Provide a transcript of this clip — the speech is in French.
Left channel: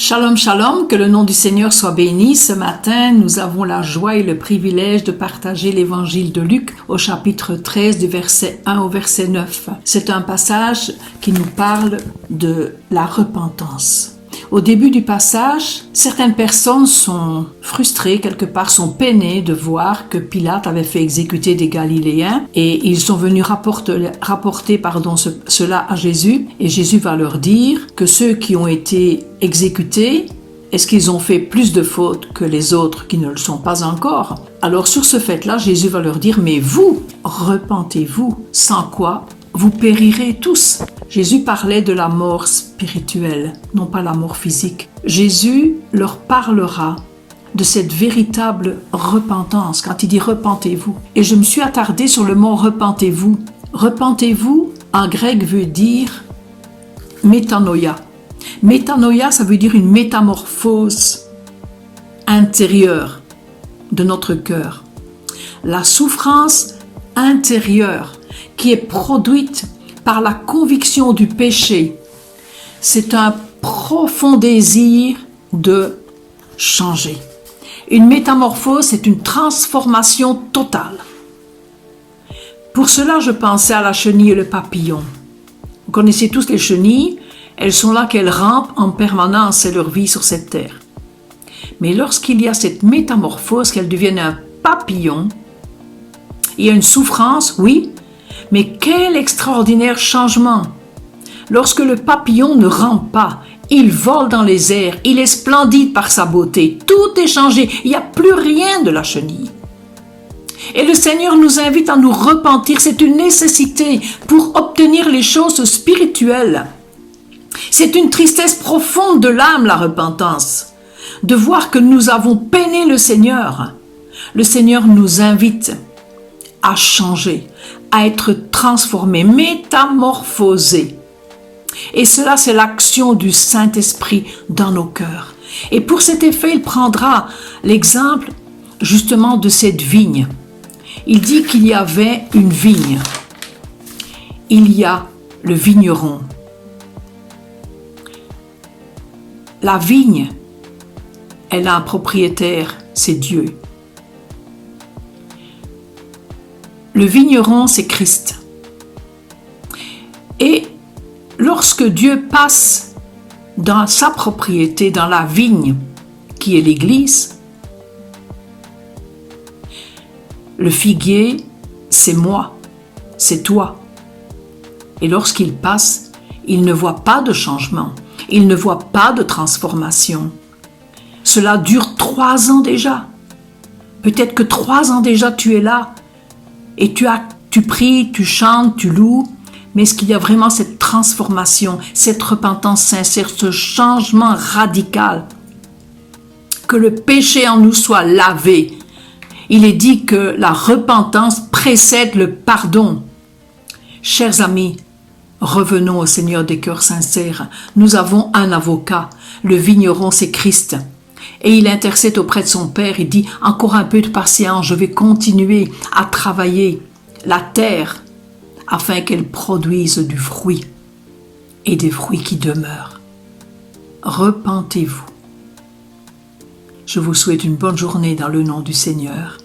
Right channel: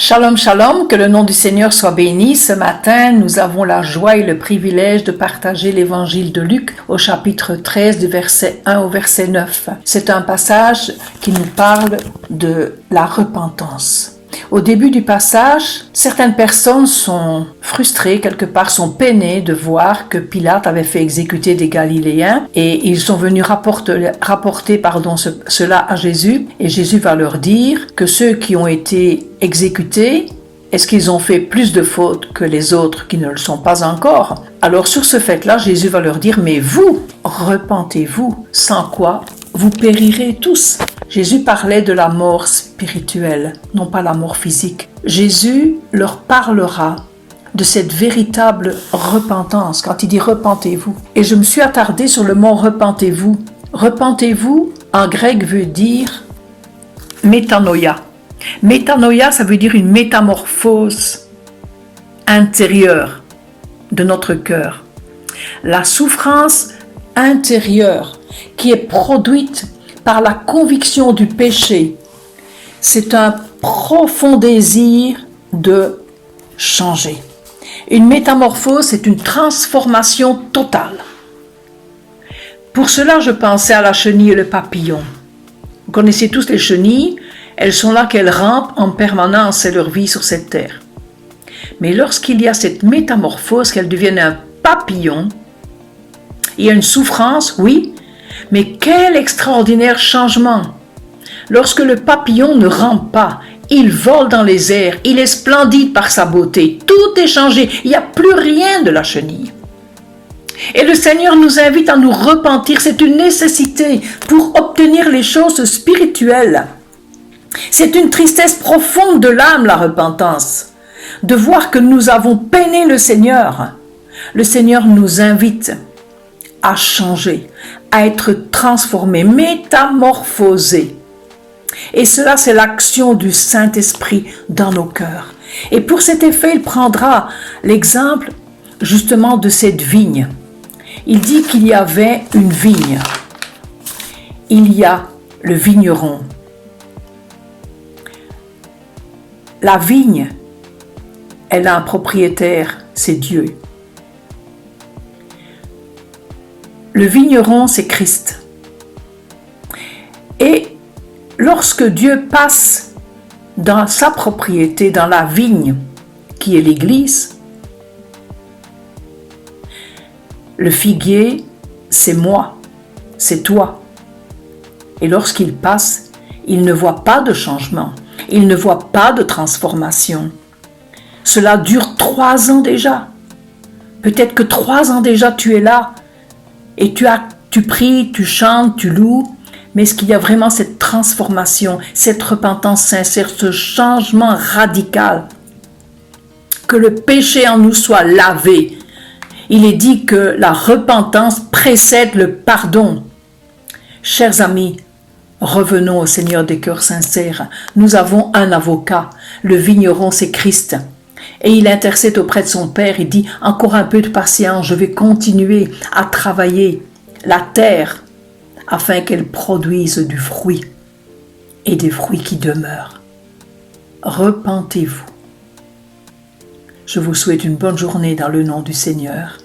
Shalom, shalom, que le nom du Seigneur soit béni. Ce matin, nous avons la joie et le privilège de partager l'évangile de Luc au chapitre 13 du verset 1 au verset 9. C'est un passage qui nous parle de la repentance. Au début du passage, certaines personnes sont frustrées, quelque part sont peinées de voir que Pilate avait fait exécuter des Galiléens et ils sont venus rapporter cela à Jésus et Jésus va leur dire que ceux qui ont été exécutés, est-ce qu'ils ont fait plus de fautes que les autres qui ne le sont pas encore? Alors sur ce fait-là, Jésus va leur dire, mais vous, repentez-vous, sans quoi vous périrez tous. Jésus parlait de la mort spirituelle, non pas la mort physique. Jésus leur parlera de cette véritable repentance, quand il dit repentez-vous. Et je me suis attardée sur le mot repentez-vous. Repentez-vous, en grec, veut dire métanoïa. Métanoïa, ça veut dire une métamorphose intérieure de notre cœur. La souffrance intérieure qui est produite par la conviction du péché, c'est un profond désir de changer. Une métamorphose, c'est une transformation totale. Pour cela, je pensais à la chenille et le papillon. Vous connaissez tous les chenilles, elles sont là qu'elles rampent en permanence, c'est leur vie sur cette terre. Mais lorsqu'il y a cette métamorphose, qu'elles deviennent un papillon, il y a une souffrance, oui, mais quel extraordinaire changement! Lorsque le papillon ne rampe pas, il vole dans les airs, il est splendide par sa beauté, tout est changé, il n'y a plus rien de la chenille. Et le Seigneur nous invite à nous repentir, c'est une nécessité pour obtenir les choses spirituelles. C'est une tristesse profonde de l'âme, la repentance, de voir que nous avons peiné le Seigneur. Le Seigneur nous invite à changer, à être transformé, métamorphosé. Et cela, c'est l'action du Saint-Esprit dans nos cœurs. Et pour cet effet, il prendra l'exemple justement de cette vigne. Il dit qu'il y avait une vigne. Il y a le vigneron. La vigne, elle a un propriétaire, c'est Dieu. Le vigneron, c'est Christ. Et lorsque Dieu passe dans sa propriété, dans la vigne, qui est l'Église, le figuier, c'est moi, c'est toi. Et lorsqu'il passe, il ne voit pas de changement, il ne voit pas de transformation. Cela dure 3 ans déjà. Peut-être que 3 ans déjà tu es là, et tu pries, tu chantes, tu loues, mais est-ce qu'il y a vraiment cette transformation, cette repentance sincère, ce changement radical? Que le péché en nous soit lavé. Il est dit que la repentance précède le pardon. Chers amis, revenons au Seigneur des cœurs sincères. Nous avons un avocat, le vigneron, c'est Christ. Et il intercède auprès de son Père, il dit « Encore un peu de patience, je vais continuer à travailler la terre afin qu'elle produise du fruit et des fruits qui demeurent. » Repentez-vous. Je vous souhaite une bonne journée dans le nom du Seigneur.